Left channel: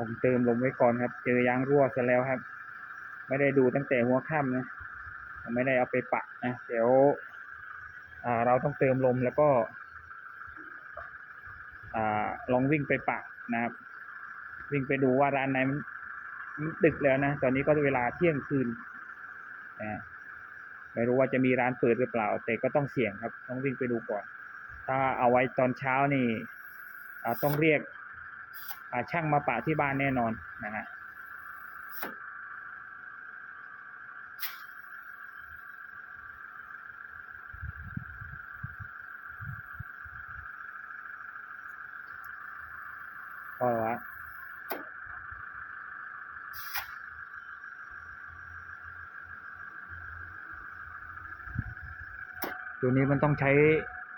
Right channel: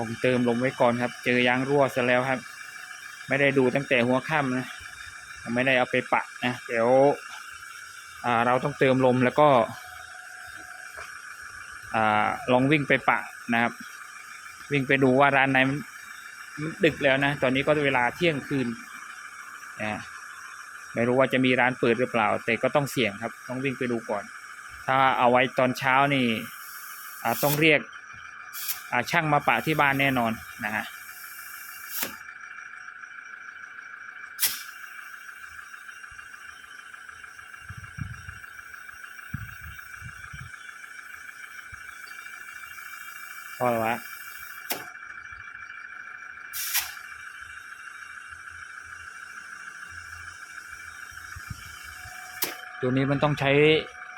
ผมเติมลมไว้ก่อนครับ เจอยางรั่วซะแล้วครับ ไม่ได้ดูตั้งแต่หัวค่ำนะ ไม่ได้เอาไปปะนะเดี๋ยวเราต้องเติมลมแล้วก็ลองวิ่งไปปะนะครับ วิ่งไปดูว่าร้านไหนมันดึกแล้วนะ ตอนนี้ก็เวลาเที่ยงคืนนะไม่รู้ว่าจะมีร้านเปิดหรือเปล่า แต่ก็ต้องเสี่ยงครับ ต้องวิ่งไปดูก่อน ถ้าเอาไว้ตอนเช้านี่ต้องเรียก ช่างมาปะที่บ้านแน่นอนนะฮะพอแล้ววะตัวนี้มันต้องใช้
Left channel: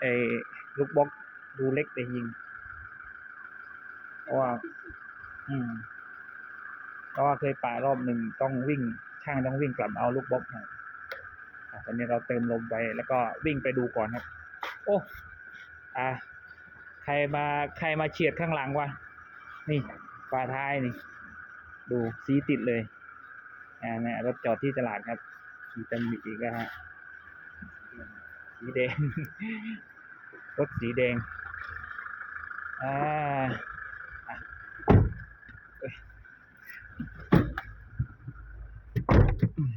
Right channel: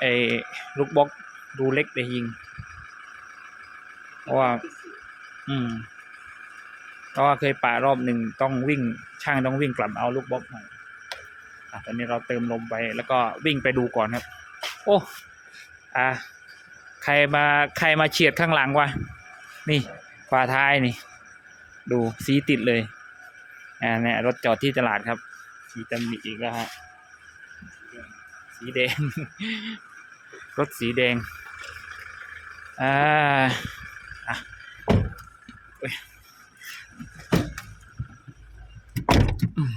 ไอ้ลูกบล็อกดูเล็กไปยิง เพราะว่า อืมเพราะว่าเคยป่ารอบหนึ่งต้องวิ่ง ช่างต้องวิ่งกลับเอาลูกบล็อกหน่อยอะตอนนี้เราเติมลมไปแล้วก็วิ่งไปดูก่อนครับ โอ้อ่าใครมาใครมาเฉียดข้างหลังวะนี่ฝาท้ายนี่ ดูสีติดเลยอ่าเนี่ยรถจอดที่ตลาดครับสีตำหนิอีกแล้วฮะสีแดง รถสีแดง อ่า เอ้ยอืม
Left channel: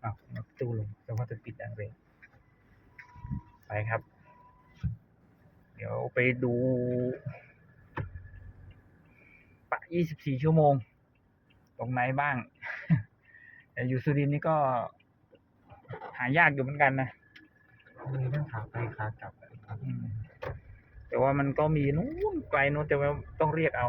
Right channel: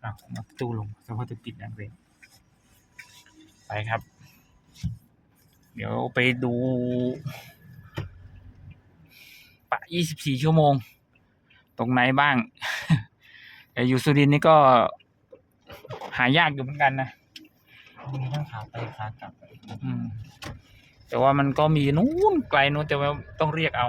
เอามาตู้ลงสภาพจะติดดังเลยไปครับ เดี๋ยวไปดู ปะ 24 ชั่วโมง ตรงไหนบ้าง แต่อยู่สุรินทร์นี่ก็ หายากอยู่เหมือนกันนะมีทั้งขาไปขากลับอืมแต่ว่ามันก็มีนู้นไกลนู้นแต่ว่าต้องเรียกเอา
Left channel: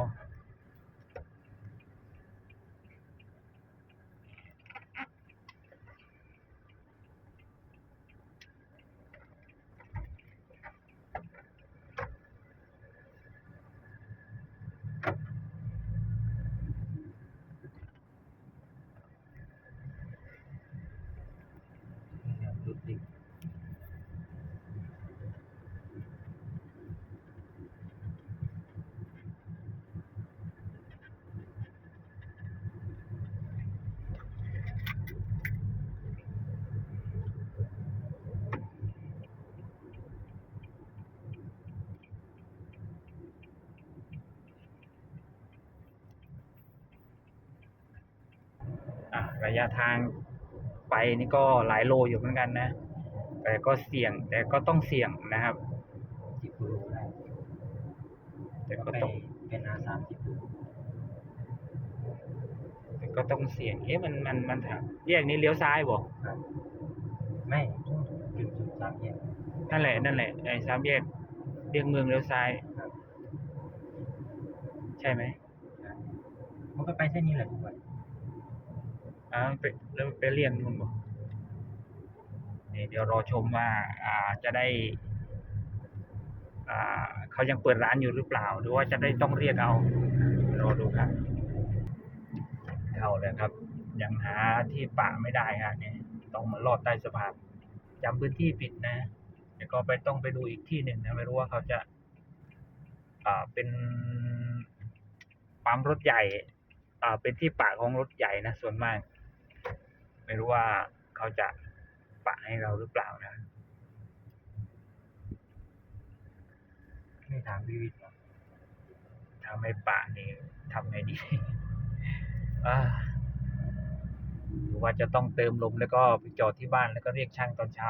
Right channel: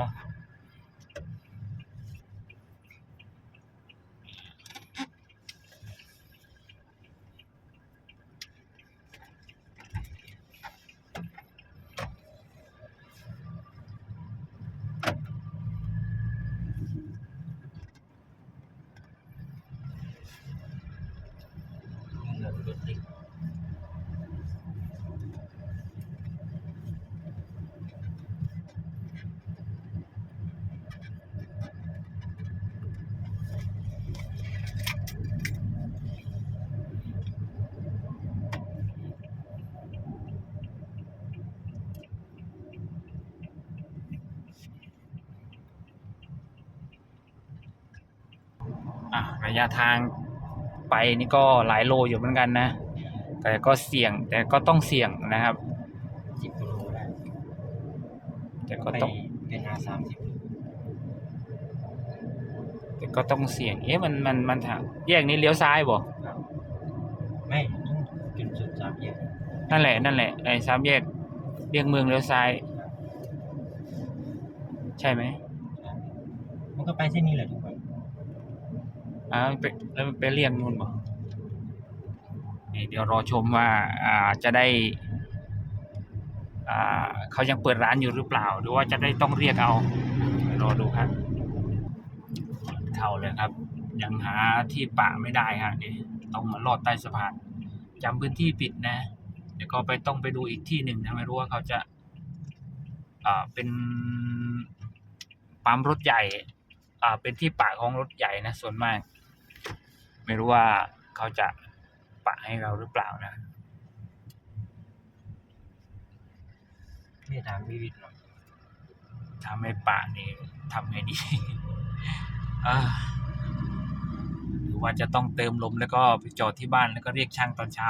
ยะทางไปนี่ก็หลายโลอยู่เหมือนกันนะ แต่ก็เสี่ยงแต่ก็ต้องเสี่ยงนะครับสิบกิโลได้แต่ก็ไปต้องเป็นอาสามสิบโลแต่ก็ต้องเสี่ยง เอ๊ะมันมันมันทางแยกนี้เลี้ยวซ้ายบ่ครับไม่จุดจุดสามแยกนั่นแหละนั่นแหละไอ้สามแยกเรียกเมืองเลี้ยวซ้ายครับใช่ไหมครับมันก็ไปเส้นนี้แหละทุกวัน อ่าไปแล้วไปเรียกนู่นบ่เดี๋ยวรอชมว่าอ่าจะได้อ่าเขายังเปิดร้านอยู่หรือเปล่า หรือว่าจะได้ต้องเรียกเอารอดูครับเข้าเลยครับ ยังหาที่ปะไม่ได้ฮะนี่ต้องมาลอดใต้สะพานจำพื้นที่ปิดนะ เดี๋ยวก็ไปต้องไปดูอีกที่หนึ่งนะไม่รู้ว่าเขาจะอ่าเป็นปั๊มรถใหญ่อ่าเป็นที่ปะของรถใหญ่นะส่วนมาก ไม่รู้ว่าเขาจะปะให้เราหรือเปล่านะไม่ถามพี่วิทย์หรอกถ้าไม่ปะนี่ทำไงดีอ่าหรือว่าจะต้องเติมลมแล้วก็ไปจอดที่บ้านแล้วก็เรียกช่างตอนเช้า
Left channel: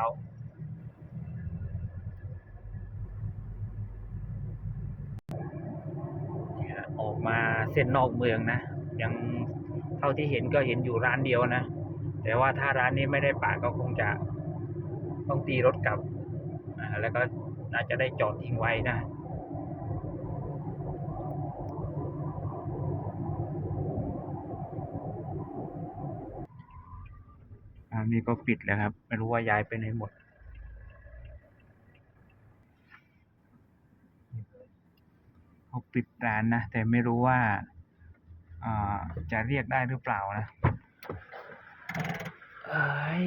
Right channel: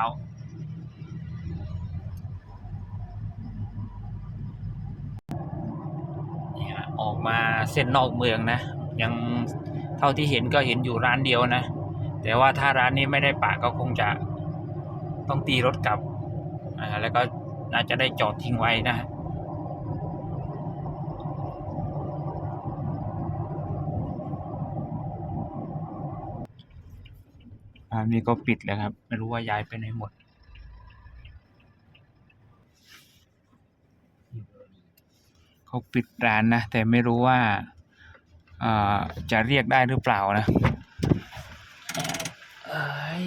นี่ฮะออกมาเส้นนอกเมืองนะ ยังเท่าที่เห็นก็เห็นอยู่ร้านเดียวนะ แต่ว่าถ้าร้านนี้ไม่ได้ปะก็คงจะต้องตีรถกลับแล้วก็อาจจะได้จอดทิ้งไว้นะอ่านี่ก็ปิดแล้วครับ ไม่รู้ว่าย้ายไปไหนหมด เขาปิดร้านนะ แต่ไม่รู้ว่าาจะเรียกได้หรือเปล่านะ บ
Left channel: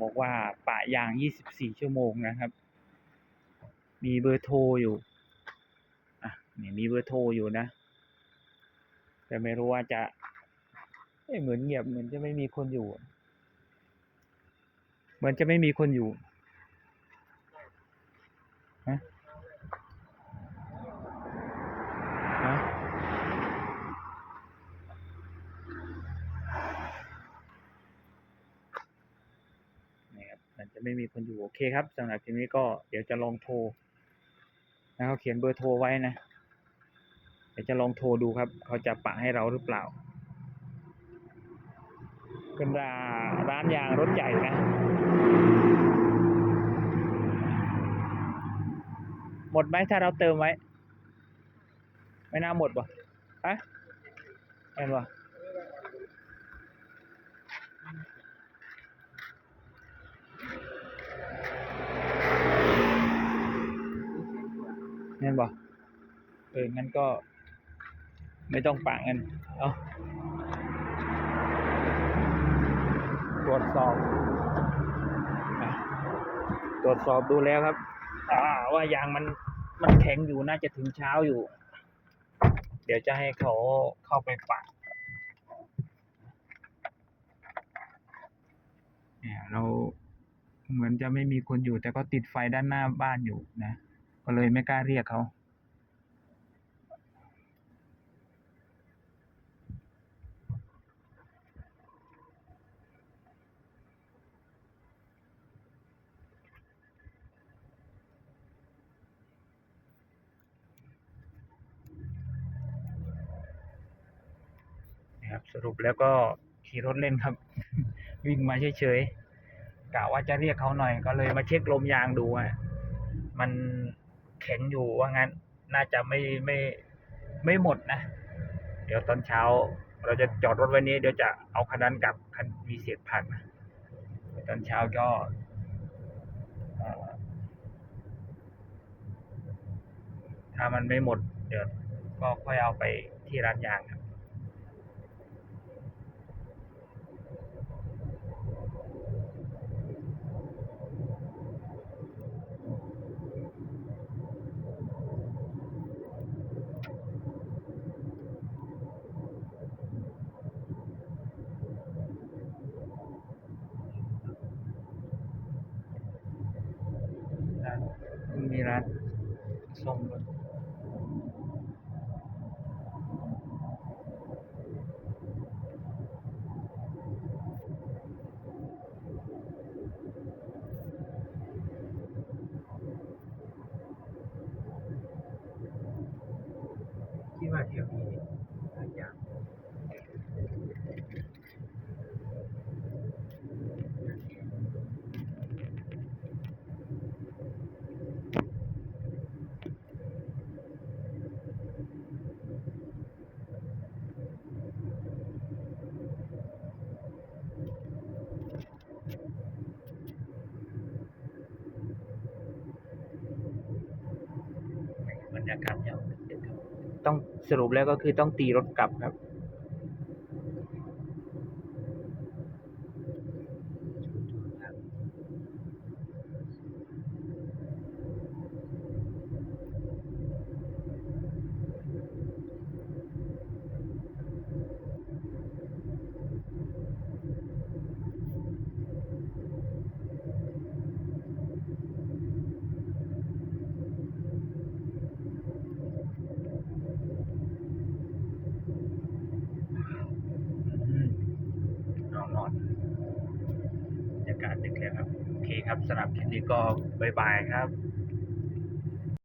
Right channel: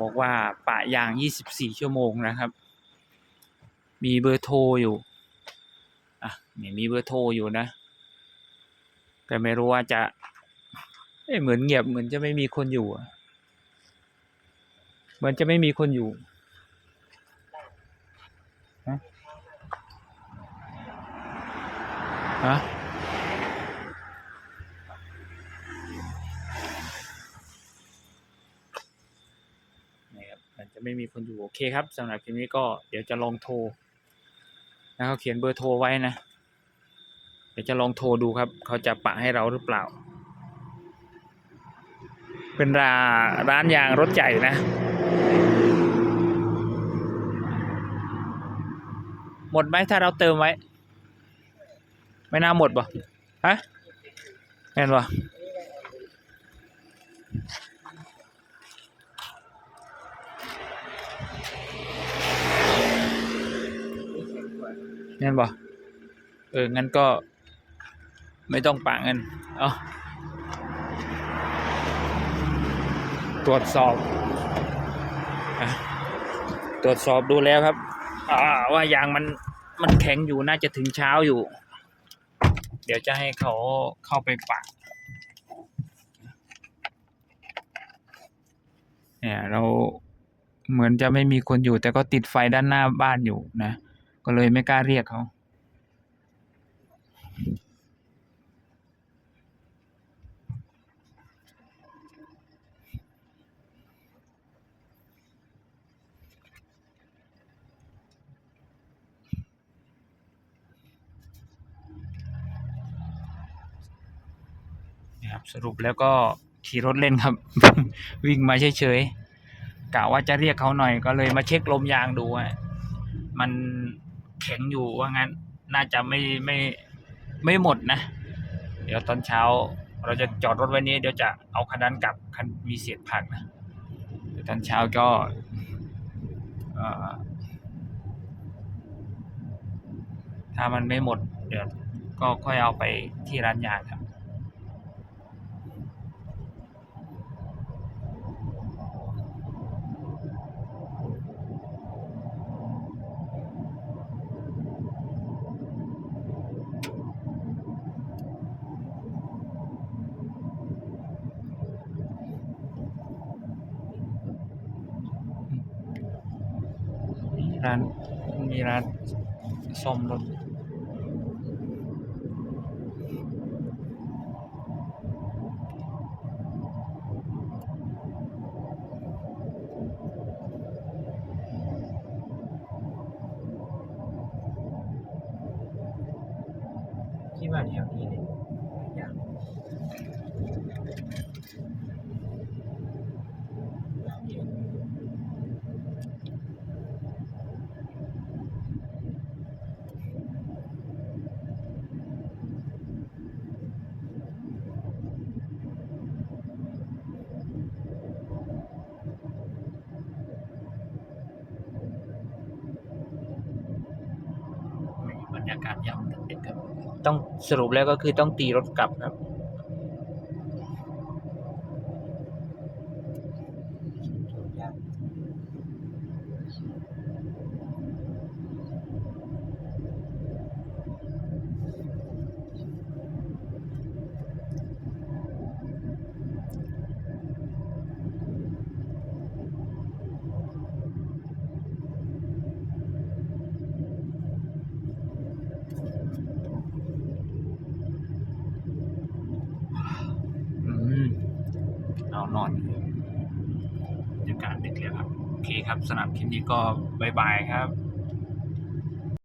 บอกว่าปะยาง 24 ชั่วโมงนะครับ มีเบอร์โทรอยู่ อะนี่มีเบอร์โทรอยู่นะ แต่ไม่รู้ว่าจะเอ้ยเหมือนเงียบเหมือนจะไม่มีคนอยู่เหมือนจะไม่มีคนอยู่ฮะ ฮะครับมันจะไม่มีคนอยู่โอเคครับสำหรับคลิปนี้ก็เดี๋ยวจะลองโทรนะเขาเขียนเบอร์โทรไว้นะเดี๋ยวจะลองโทรดูครับ เขาจะปะให้เราหรือเปล่า เป็นร้าร้านยางรถใหญ่นะ หมดไหมถ้าเราเติมไว้ ไม่น่าหมดป่ะฮะแม่นป่ะแม่นป่ะเออ งั้นก็ไม่ต้องปะเงิน เอาตรวจสอบ ตรวจสอบดูแล้วครับอ่าว่า ยางมัน มันแข็งอยู่ น่าจะถึงเช้าอยู่ เดี๋ยวจะให้เขาเข้าไปปะเนี่ยเราเหมือนจะไม่มีคนอยู่ แต่ก็ติดไฟด้านหน้าบ้านอยู่นะ ก็เลยไม่กล้าเรียกเขา สรุปแล้วก็ขี่รถเล่นครับ วิ่งมาเฉยๆกะว่าจะเรียกเขาหน่อยก็เลยมาเช็คลมยางดูอะมันแข็งอยู่ว่างั้น น่าจะไม่ไม่ไม่หมดนะ เดี๋ยวตอนเช้า เราจะจอดรถไว้นี้ เดี๋ยวจะเอาคันนั้นกลับคันมีเศษผักนะเดี๋ยวตอนเช้าก็เออถ้ามันไม่หมด เดี๋ยวก็ค่อยเอาไปที่ร้านยางครับ มีร้านมีร้าน ซ่อมรถ คิดว่าแถวนี้เนี่ยหลายอย่าง บรรยากาศยามดึกครับ ต้องสรุปแล้วก็คือต้องตีรถกลับครับ อืมเอานอนบรรยากาศดึกแล้วครับ โอเค ครับสำหรับคลิปนี้ก็บายบายครับ